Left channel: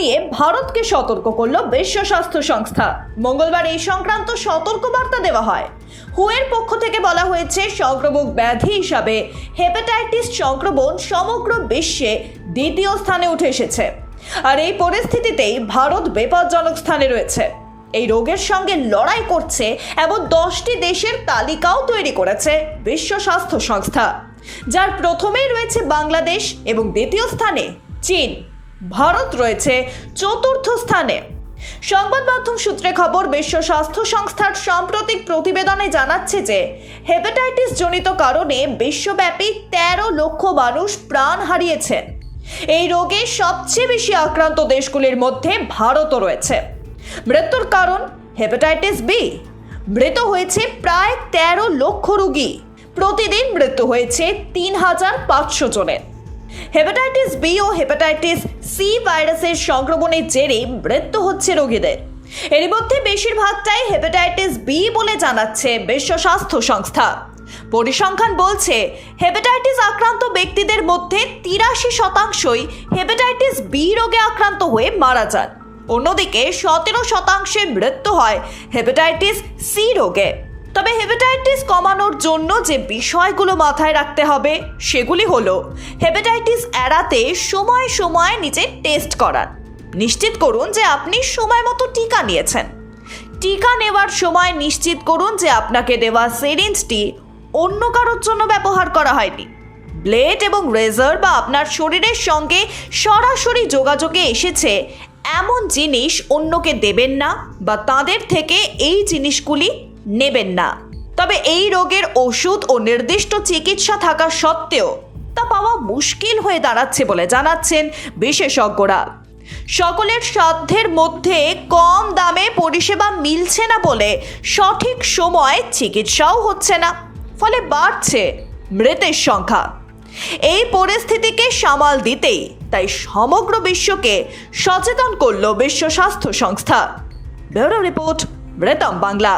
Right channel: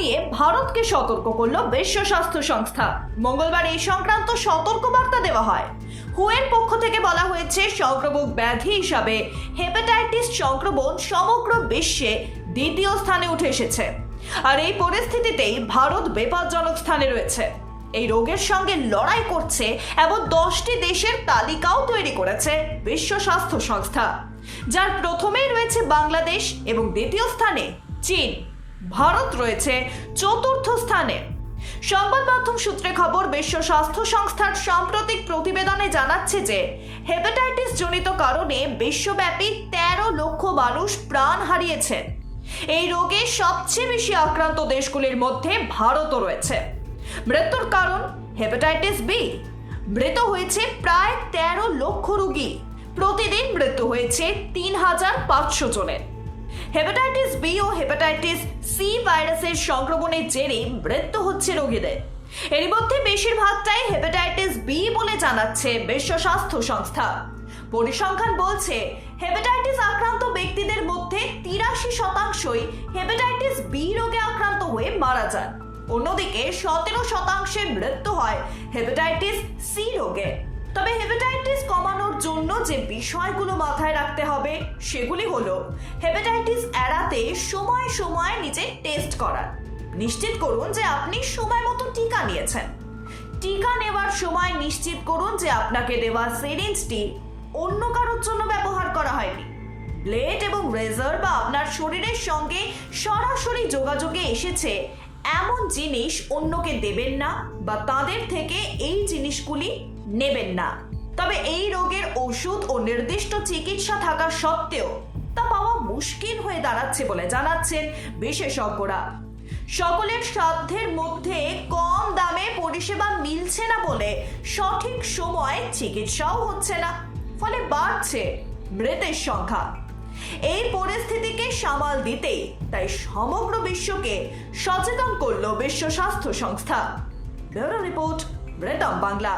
নিয়ে ভারতকে সতর্ক করল বিশ্ব স্বাস্থ্য সংস্থা। মঙ্গলবার এই সংক্রান্ত সতর্কবার্তা দেওয়া হয়। হুয়ের পক্ষ থেকে বলা হয়েছে, সংক্রামক ব্যাধি হিসাবে হেপাটাইটিস সংক্রমণ সমগ্র বিশ্বে দ্বিতীয় স্থানে উঠে এসেছে। আর এই পরিস্থিতিতেই ভারত বিপজ্জনক স্থানে রয়েছে। এই রোগের সঙ্গে লড়াই করছে এমন 10টি দেশের তালিকাও তৈরি করেছে বিশ্ব স্বাস্থ্য সংস্থা, যার প্রথমেই রয়েছে বাংলাদেশ এবং দ্বিতীয় স্থানে চীন। ভারত রয়েছে চতুর্থ স্থানে। সংবাদ মাধ্যম সূত্রে খবর, বিশ্ব স্বাস্থ্য সংস্থার সাম্প্রতিক প্রতিবেদনে জানাচ্ছে যে হেপাটাইটিস জনিত কারণে বিশ্বব্যাপী 13 লক্ষ মানুষ প্রাণ হারিয়েছেন। এই রোগে সবচেয়ে বেশি আক্রান্ত দেশগুলির মধ্যে ভারতও রয়েছে। মৃত্যুর কারণ হেপাটাইটিস বি। মৃত হয়েছে প্রায় 13 লক্ষ রোগী। প্রতিদিন মৃত্যু হয়েছে 3500 জনের। হেপাটাইটিস বি ও হেপাটাইটিস সি ভাইরাসের সংক্রমণের জেরে মৃত্যু হচ্ছে রোগীদের। এর মধ্যে বেশিরভাগটাই হেপাটাইটিস বি বলে জানাচ্ছে বিশ্ব স্বাস্থ্য সংস্থা। পরিসংখ্যান বলছে, হেপাটাইটিস আক্রান্ত ব্যক্তিদের মধ্যে 83% হেপাটাইটিস বি রোগে আক্রান্ত হয়ে মারা যান। অন্যদিকে 17% মৃত্যু হয় হেপাটাইটিস সি রোগে। তবে হেপাটাইটিস কমানোর জন্য যে বিষয়গুলো মাথায় রাখতে হবে সেগুলি হলো, হেপাটাইটিস এড়াতে সময় সময় নিজের টেস্ট করান। নিশ্চিত করুন যে আপনি সময় মতো টিকা নিয়েছেন। টিকা নেওয়ার সময় নিশ্চিত করুন যে আপনাকে দেওয়া সিরিঞ্জটি অন্য কারোর জন্য ব্যবহার করা হয়নি। ব্লেড এবং রেজার বা আপনার শরীরের সঙ্গে সরাসরি যোগাযোগে এসেছে এমন জিনিস অন্যকে দেবেন না বা তাদের থেকে এই জিনিসগুলি নেবেন না। তবে এই রোগের ওষুধ ও নির্দিষ্ট চিকিৎসা থাকা সত্ত্বেও তা পাওয়া মুশকিল হয়ে দাঁড়াচ্ছে বলে জানাচ্ছেন বিশেষজ্ঞরা। সকলের সাধ্যের মধ্যে কম দামে পরিষেবা মিলছে না বলে সঠিক সময় চিকিৎসাও হচ্ছে না, ফলে বাড়ছে মৃতের সংখ্যা। এই পরিস্থিতিকে সামাল দিতেই তাই সমগ্র বিশ্বকে সচেতন করল বিশ্ব স্বাস্থ্য সংস্থা। Bureau report, Ritam Bangla.